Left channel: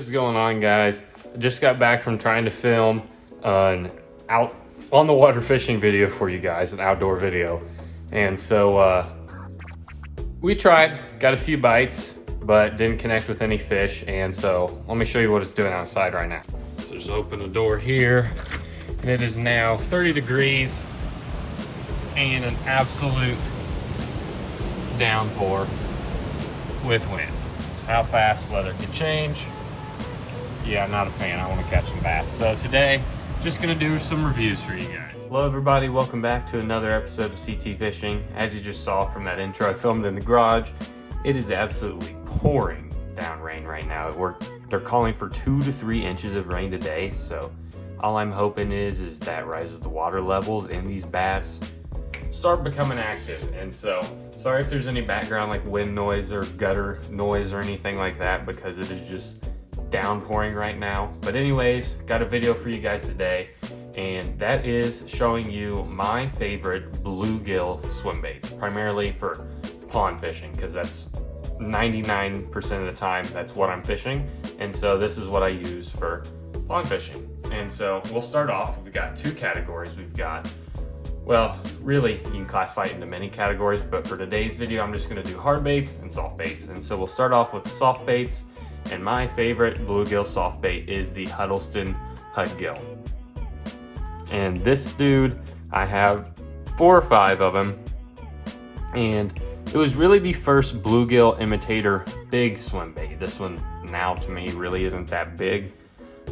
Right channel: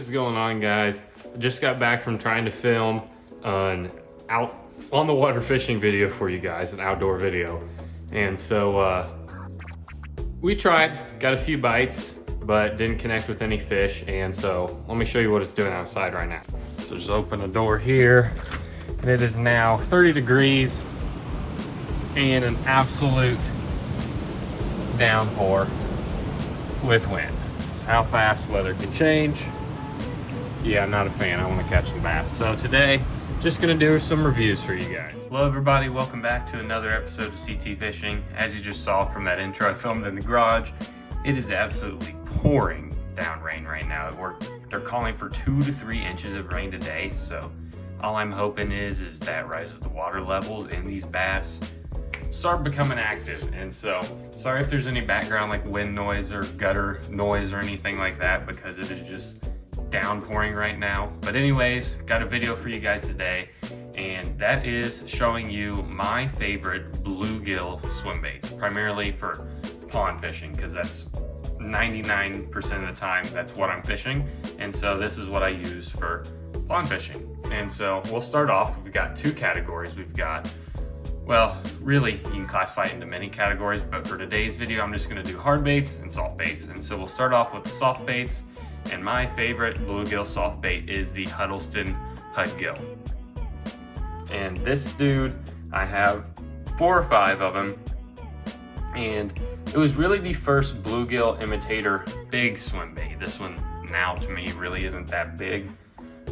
What is going on, guys? I just got back from trying to film an out on the water fishing video for you guys, an outdoor video. And so we tried, got a few bites, but didn't connect with any fish. And so let me show you what it's doing outside right now. So just open the door here, and it is now 30 degrees and an absolute downpour with wind. So how fast weather can change. Yeah, I'm not a fan. I want to catch some bass. So today, just gonna do some reviews for you guys. Hello everybody, welcome back to another episode of CT Fishing. As you just saw from that intro I filmed in the garage, it is absolutely pouring down rain right now. They're calling for 2 to 3 inches of rain today, so all I'm hoping is that rises the water levels and these bass start becoming active. And so sorry if there's any background like wind noise or gutter noise or anything like that, because it is just downpouring right now. But anyways, got a video for you guys today, and that is showing you my favorite bluegill swim baits, primarily for pond fishing, because that's 99% of the time that's what I'm fishing. And so this is what I use for pond fishing. And so we'll start off. We've got 2 categories. We've got, well, really you can classify it into many categories, but for today's video I'm just going to do hard baits and soft baits. And so we'll start off with the soft baits, and my favorite bluegill soft bait is the Huddleston Hudgill. And this dude, I have 4 or 5 of them, and it was really the first bluegill imitator big swim bait. This one now to me really isn't that big,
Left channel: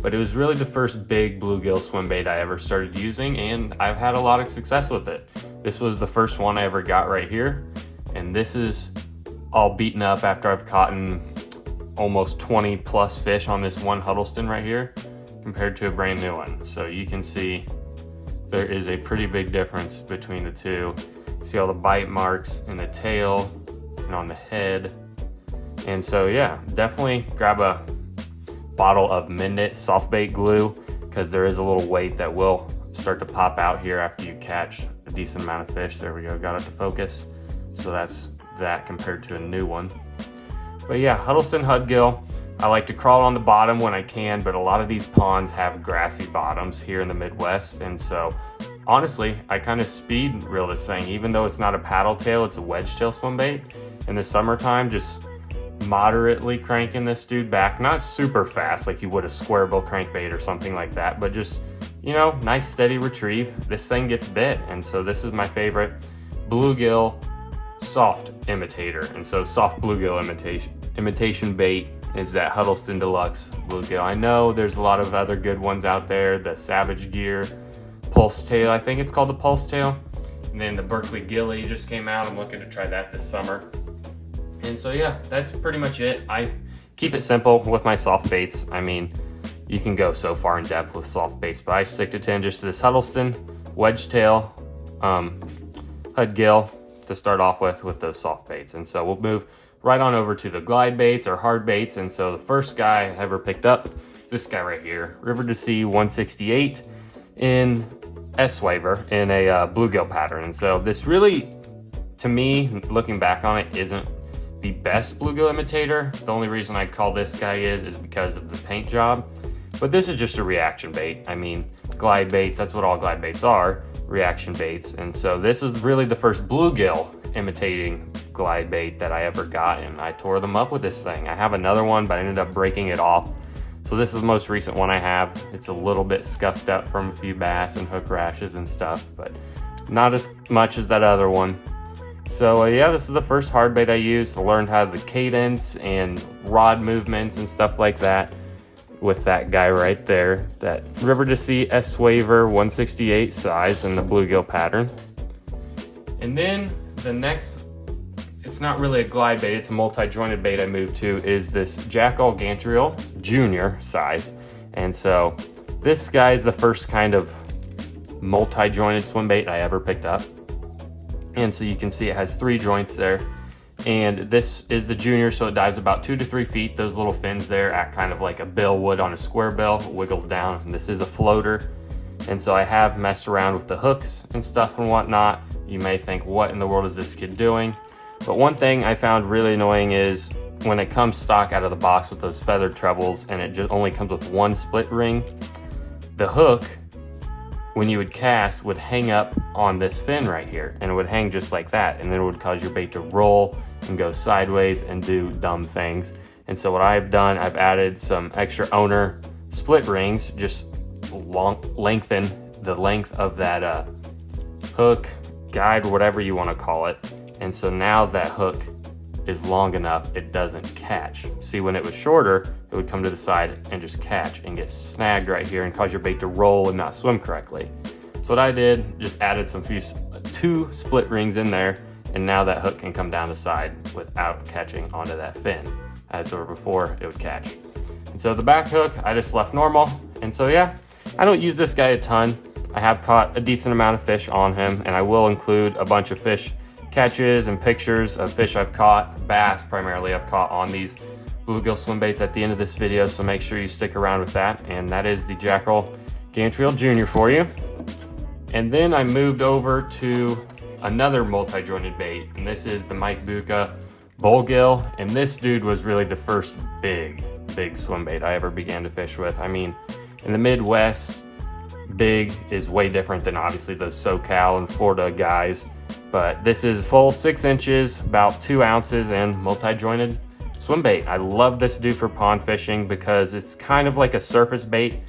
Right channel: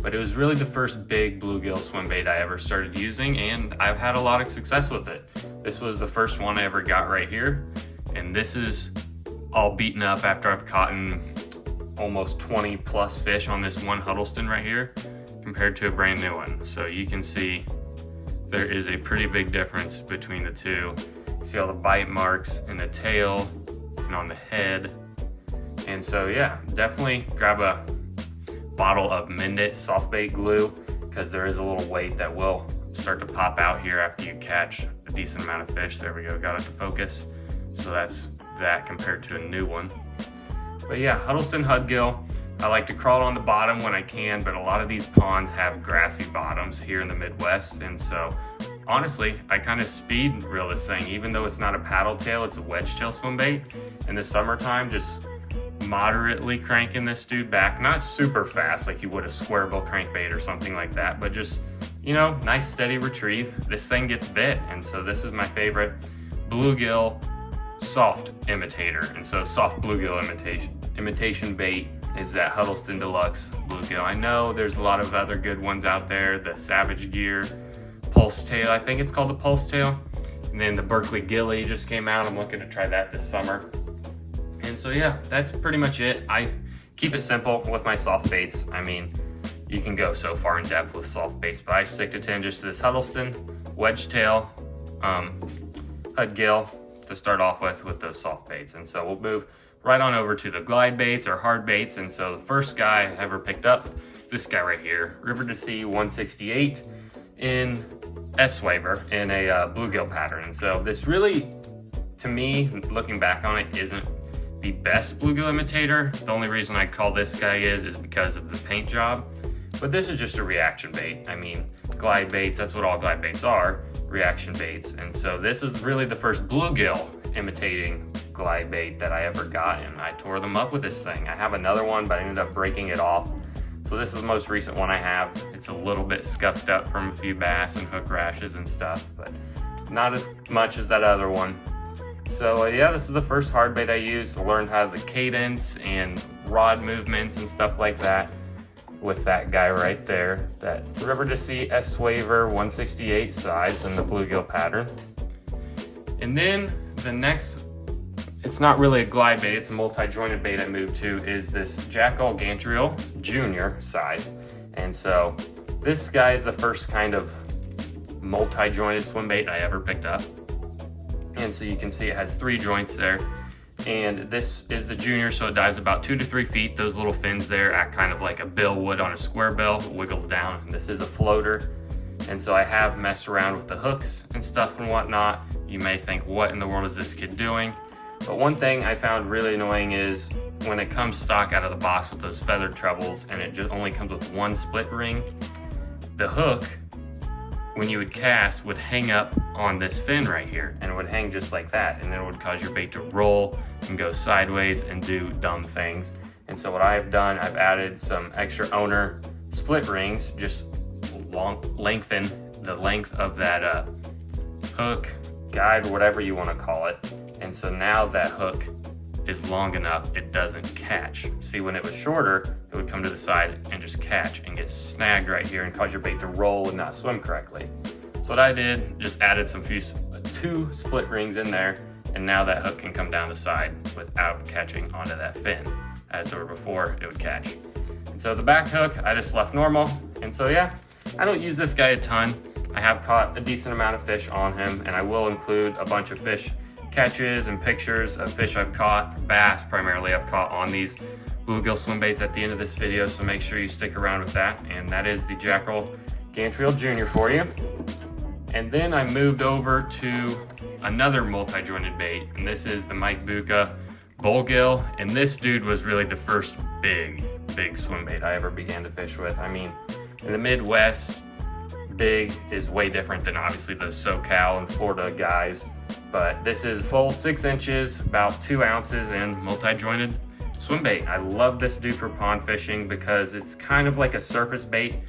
but it was really the first big bluegill swim bait I ever started using, and I've had a lot of success with it. This was the first one I ever got right here, and this is all beaten up after I've caught almost 20 plus fish on this one Huddleston right here compared to a brand new one. So you can see there is a pretty big difference between the two. See all the bite marks in the tail and on the head. And so yeah, definitely grab a bottle of Mendit soft bait glue, because there is a little weight that will start to pop out here after you catch a decent amount of fish. There we go, got it to focus. So that's that compared to a new one. But yeah, Huddleston Hudgill, I like to crawl on the bottom when I can, but a lot of these ponds have grassy bottoms here in the Midwest. And so honestly, I kind of speed reel this thing. Even though it's not a paddle tail, it's a wedge tail swim bait. In the summertime, just moderately cranking this dude back. Not super fast like you would a square bill crankbait or something like that, but just, you know, nice steady retrieve. This thing gets bit, and so this is my favorite bluegill soft imitator. And so soft bluegill imitation bait is that Huddleston Deluxe bluegill. I know there's a lot of other good ones out there, the Savage Gear Pulse Tail, I think it's called the Pulse Tail, and then the Berkeley Gilly just came out. I'm looking to try that this summer. And so yeah, that's pretty much it. I keep it simple with my soft baits. I mean, you can go so far in depth with soft baits, but I stick to 10 just to this Huddleston wedge tail Hudgill to start off with those soft baits. And so we'll move right on over to the glide baits or hard baits. And so the first guy I ever picked up, this guy right here, River to Sea 168 in S-Waver in a bluegill pattern. And so this really, to me, looking back on it, isn't the best bluegill imitator. The only reason I call this guy is because of the paint job. But this is just a reaction bait. I mean, glide baits, that's what all glide baits are, reaction baits. And so this is really the first bluegill imitating glide bait that I ever got, and I tore them up with this thing. I have another one, but I ended up breaking it off. So this is the most recent one I have. It's a little bit scuffed up from a few bass and hook rashes and stuff, but not as much as that other one. So yeah, this is the first hard bait I used to learn how the cadence and rod movements and stuff like that with that guy right there, that River to Sea S-Waver 168 size in the bluegill pattern. And then the next, it's not really a glide bait, it's a multi-jointed bait I moved to, is this Jackal Junior size. And so this guy is the first kind of multi-jointed swim bait I ever picked up. And so you can see it has 3 joints there. And this is the junior, so it dives about 2 to 3 feet. Those little fins there act kind of like a bill would on a square bill, wiggles down. And this is a floater. And so I have messed around with the hooks and stuff and whatnot. You may think, what in the world is this kid doing? But one thing I found really annoying is when it comes stock out of the box with those feathered trebles and it just only comes with one split ring, the hook, when you would cast, would hang up on this fin right here, and it would hang just like that, and then it would cause your bait to roll and go sideways and do dumb things. And so what I've done, I've added some extra owner split rings, just lengthen the length of that hook, guide, whatever you want to call it. And so now that hook is long enough, it doesn't catch. See, when it was shorter, it would come to the side and just catch and get snagged right here and cause your bait to roll and not swim correctly. So what I did, just added two split rings in there, and now that hook can come down the side without catching onto that fin, as there were before it would catch. And so the back hook, I just left normal. And so yeah, I don't use this guy a ton. I have caught a decent amount of fish on him, and I will include a bunch of fish catches and pictures of fish I've caught, bass primarily I've caught on these bluegill swim baits at the end of this video, so make sure you stick around with that. And that is the Jackal Junior for you. And then I moved over to another multi-jointed bait, and this is the Buca Bluegill. And this dude was really the first big swim bait I ever began to fish with. I mean, in the Midwest, big is way different than obviously those SoCal and Florida guys. But this is full 6 inches, about 2 ounces, and multi-jointed swim bait. I love this dude for pond fishing because it's kind of like a surface bait.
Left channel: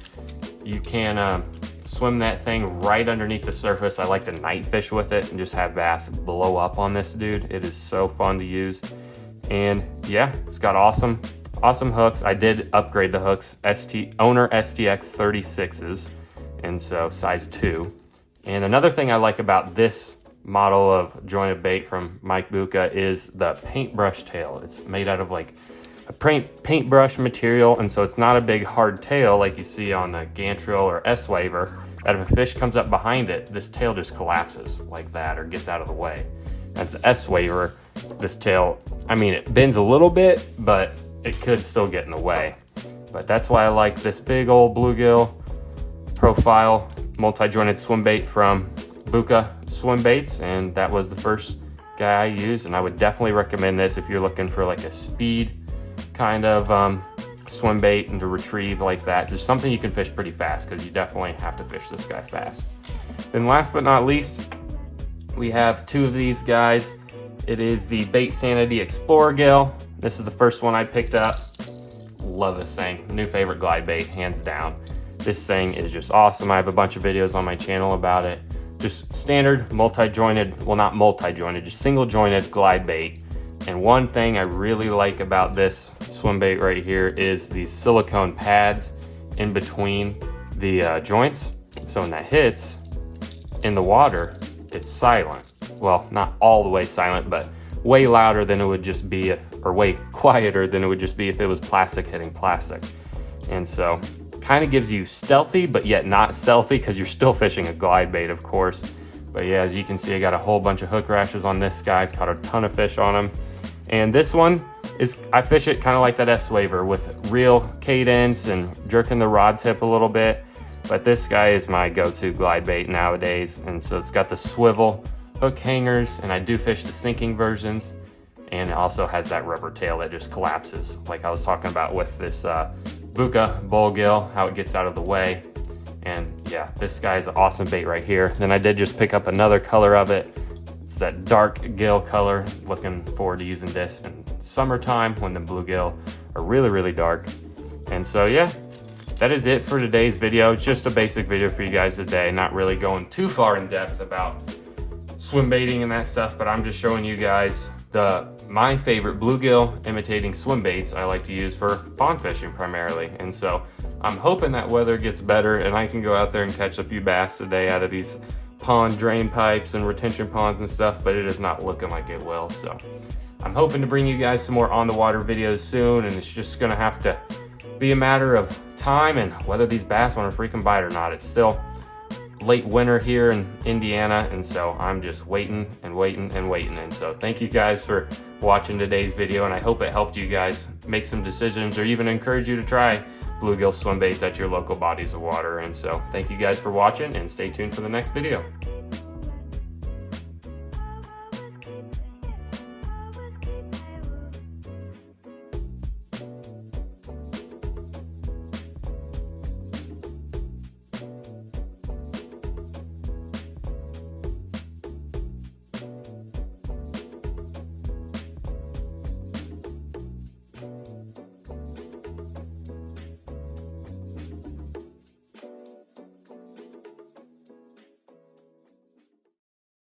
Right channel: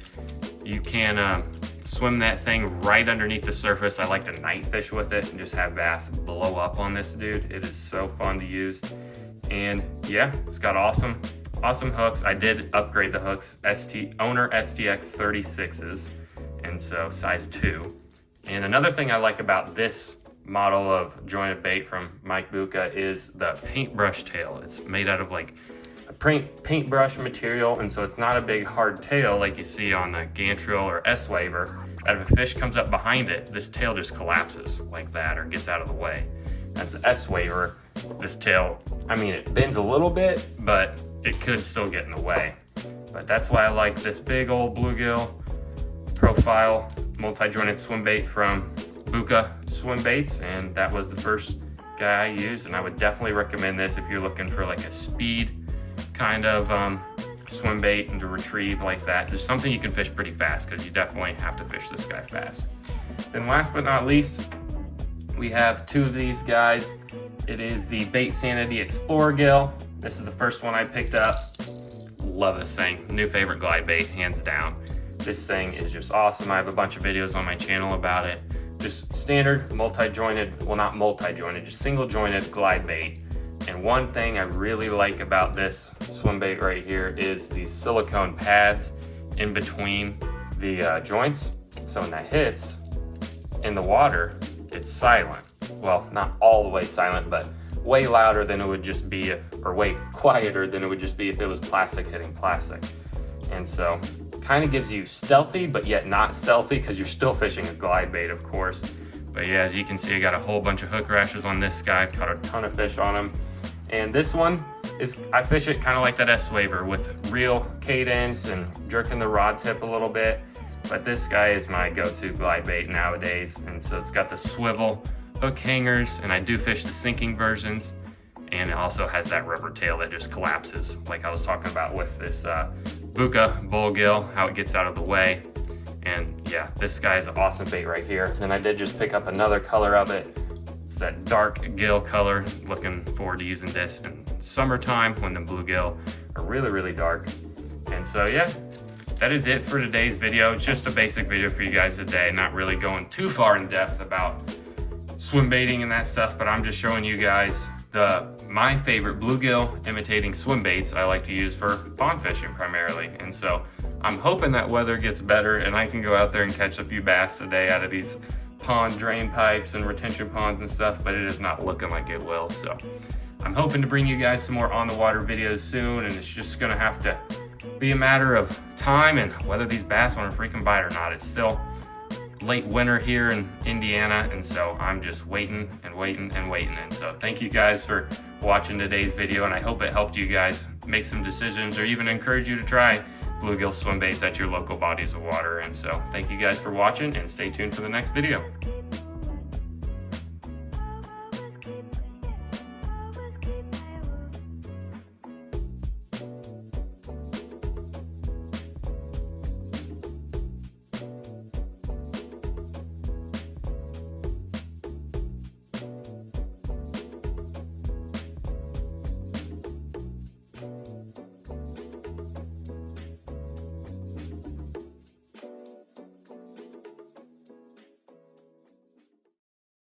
You can swim that thing right underneath the surface. I like to night fish with it and just have bass blow up on this dude. It is so fun to use. And yeah, it's got awesome hooks. I did upgrade the hooks, owner STX 36s, and so size 2. And another thing I like about this model of jointed bait from Buca is the paintbrush tail. It's made out of like a paintbrush material, and so it's not a big hard tail like you see on a gantrel or S-waver, that if a fish comes up behind it, this tail just collapses like that or gets out of the way. That's an S-waver. This tail, I mean, it bends a little bit, but it could still get in the way. But that's why I like this big old bluegill profile multi-jointed swim bait from Buca swim baits, and that was the first guy I used. And I would definitely recommend this if you're looking for like a speed kind of swim bait and to retrieve like that. It's just something you can fish pretty fast, because you definitely have to fish this guy fast. Then last but not least, we have 2 of these guys. It is the Baitsanity Explorer Gill. This is the first one I picked up. Love this thing. New favorite glide bait, hands down. This thing is just awesome. I have a bunch of videos on my channel about it. Just standard multi-jointed, well, not multi-jointed, just single jointed glide bait. And one thing I really like about this swim bait right here is the silicone pads in between the joints. So when that hits in the water, it's silent. Well, not all the way silent, but way louder than it would just be or way quieter than it would just be if it was plastic hitting plastic. And so kind of gives you stealthy, but yet not stealthy, because you're still fishing a glide bait, of course. But yeah, as you can see, I got a whole bunch of hook rashes on this guy. I've caught a ton of fish on him. And this one is, I fish it kind of like that S-waver with real cadence and jerking the rod tip a little bit. But this guy is my go-to glide bait nowadays. And so it's got the swivel hook hangers, and I do fish the sinking versions. And it also has that rubber tail that just collapses, like I was talking about with this Buca Bluegill, how it gets out of the way. And yeah, this guy's an awesome bait right here. Then I did just pick up another color of it. It's that dark gill color. Looking forward to using this in summertime when the bluegill are really dark. And so yeah, that is it for today's video. It's just a basic video for you guys today, not really going too far in depth about swim baiting and that stuff, but I'm just showing you guys my favorite bluegill imitating swim baits I like to use for pond fishing primarily. And so I'm hoping that weather gets better and I can go out there and catch a few bass today out of these pond drain pipes and retention ponds and stuff, but it is not looking like it will. So I'm hoping to bring you guys some more on the water videos soon, and it's just gonna have to be a matter of time and whether these bass want to freaking bite or not. It's still late winter here in Indiana, and so I'm just waiting. And so thank you guys for watching today's video, and I hope it helped you guys make some decisions or even encourage you to try bluegill swim baits at your local bodies of water. And so thank you guys for watching, and stay tuned for the next video.